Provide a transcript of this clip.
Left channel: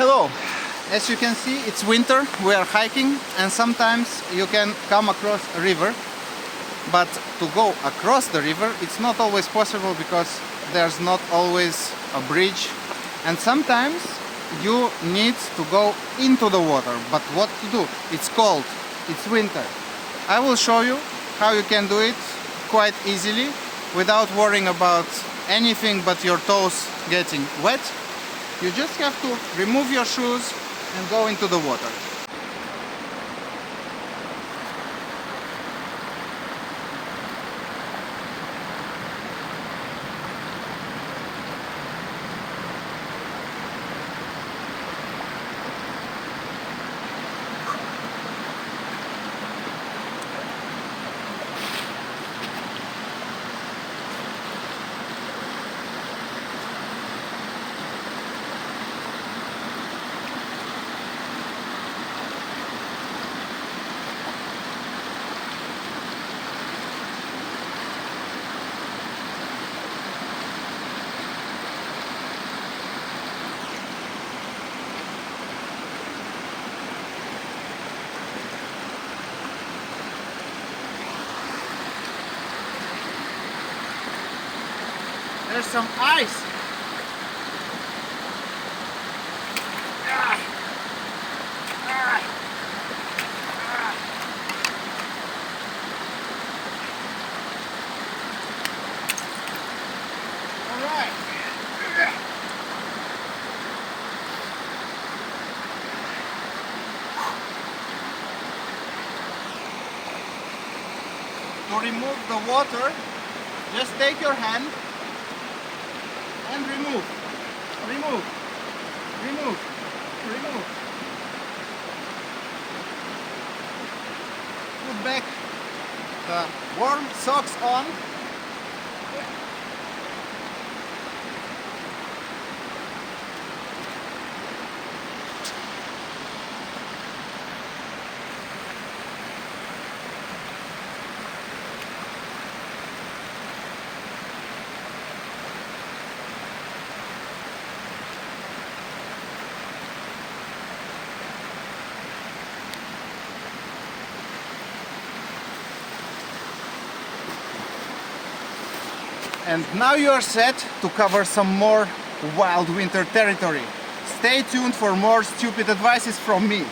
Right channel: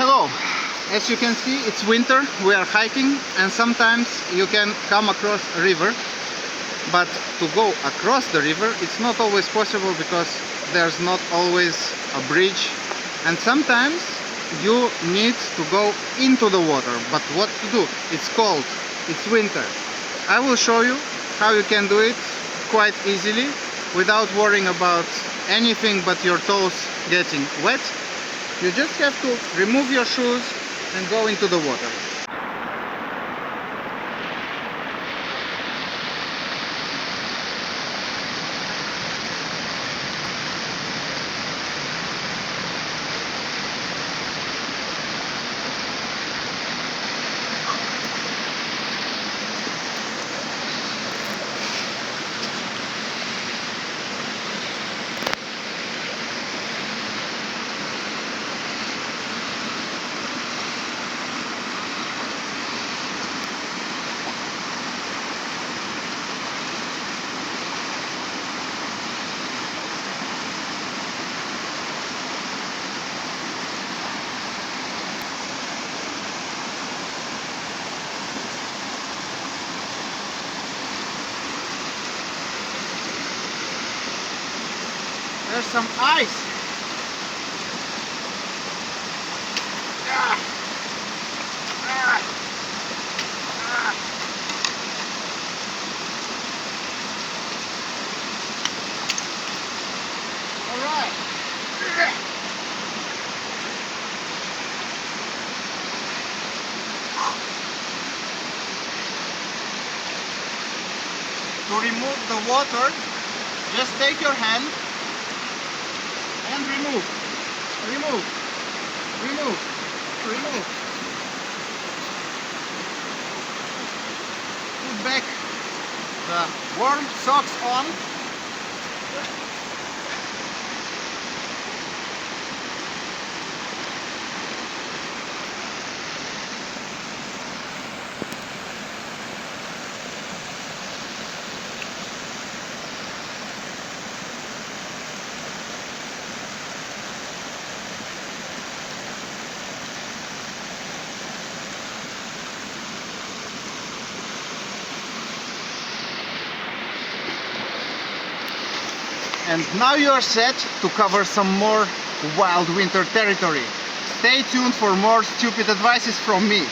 Hello, as you can see it's winter, we are hiking and sometimes you can come across a river, but to go across the river it's not always possible because there's not always a bridge and sometimes you need to go into the water. But what to do? It's cold, it's winter. I will show you how you can do it quite easily without worrying about anything but your toes getting wet. You just have to remove your shoes and go into the water. There's some ice. All right. To remove the water, just take your hand and remove. Put back the warm socks on. And now you are set to cover some more wild winter territory. Stay tuned for more stupid advices from me.